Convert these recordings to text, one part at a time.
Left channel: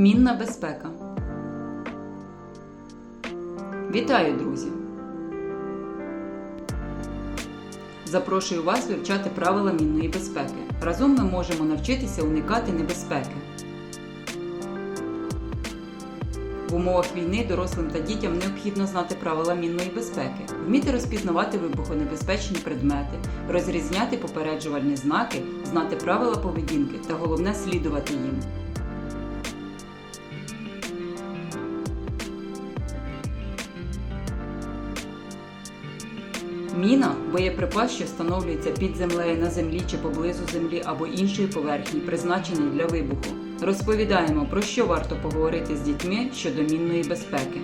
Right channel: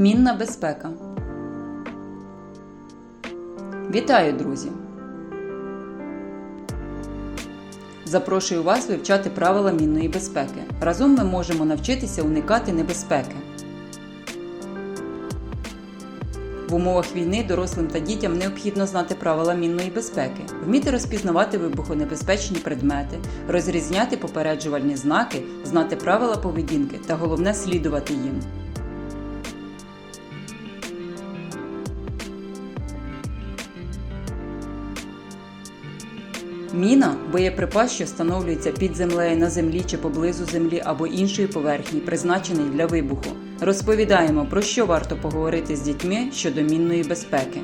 Мінна безпека. Вітаю, друзі! Запрошую вас вивчати правила мінної безпеки. Разом ми можемо навчитися уникати небезпеки. В умовах війни дорослим та дітям необхідно знати правила мінної безпеки, вміти розпізнавати вибухонебезпечні предмети, розрізняти попереджувальні знаки, знати правила поведінки та головне слідувати їм. Міна боєприпас, що встановлюється під землею на землі чи поблизу землі або іншої поверхні, призначений для вибуху. Розповідаємо, про що варто поговорити з дітьми щодо мінної безпеки.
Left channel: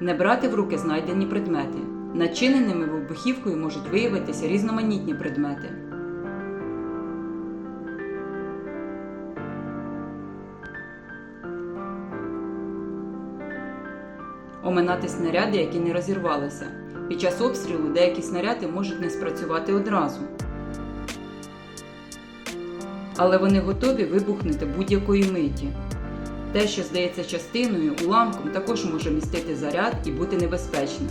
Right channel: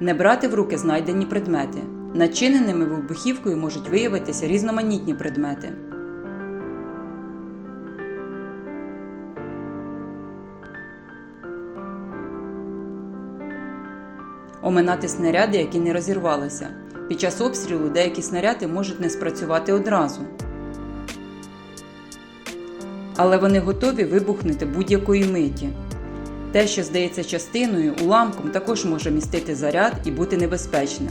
Не брати в руки знайдені предмети. Начиненими вибухівкою можуть виявитися різноманітні предмети. Оминати снаряди, які не розірвалися. Під час обстрілу деякі снаряди можуть не спрацювати одразу. Але вони готові вибухнути будь-якої миті. Те, що здається частиною, уламком, також може містити заряд і бути небезпечним.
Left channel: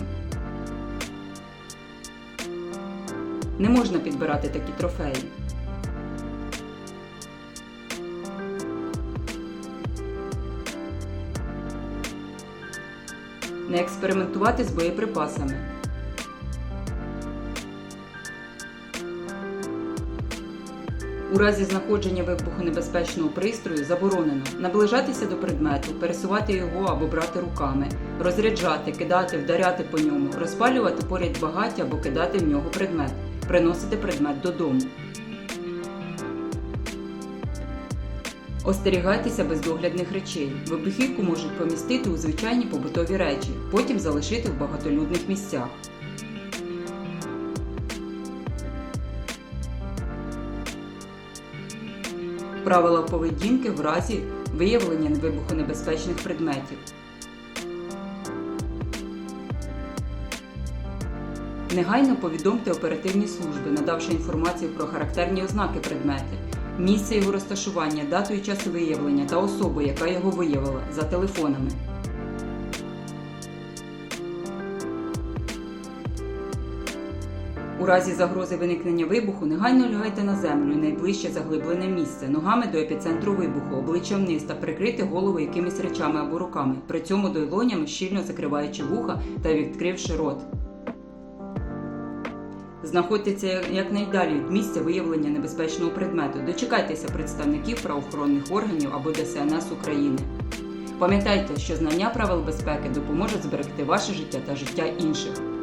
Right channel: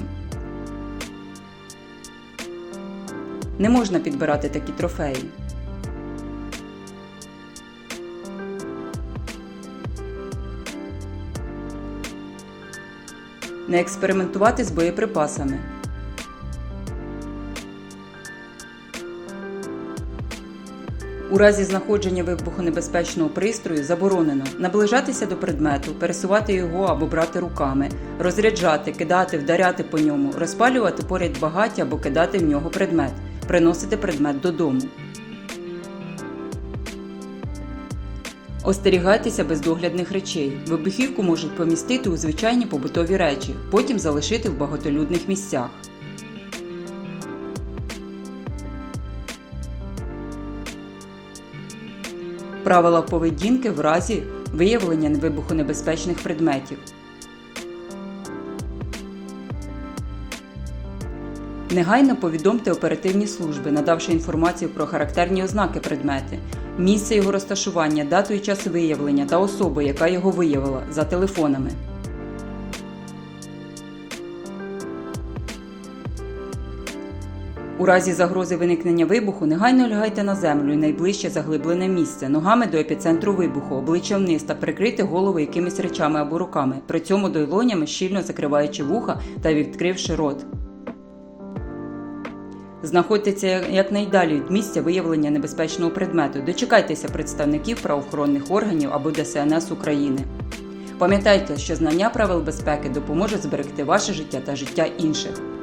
Не можна підбирати такі трофеї. Не експериментувати з боєприпасами. У разі знаходження вибухонебезпечного пристрою заборонено наближатися до предмету, пересувати його або брати руками, розряджати, кидати, вдаряти по ньому, розпалювати поряд багаття або кидати в нього предмет, приносити предмет додому. Остерігайтеся бездоглядних речей. Вибухівку можуть помістити у звичайні побутові речі, потім залишити в багатолюдних місцях. Правила поведінки в разі виявлення вибухонебезпечних предметів. Негайно повідомте оперативні служби, надавши інформацію про характерні ознаки предмети, місце його розташування, дату і час виявлення та особу, яка його виявила, за телефонами. У разі загрози виникнення вибуху негайно лягайте на землю і найближче заглиблене місце, ногами до епіцентру вибуху, обличчям вниз та прикрити голову якимись речами або руками, при цьому долонями щільно закриваючи вуха та відкривши рот. Знаходьтеся якнайдалі від місця виявлення небезпечного предмету. Дочекайтеся представників правоохоронних органів або ДСНС України. Пам'ятайте, що знання правил безпеки допоможе зберегти ваше життя та життя інших.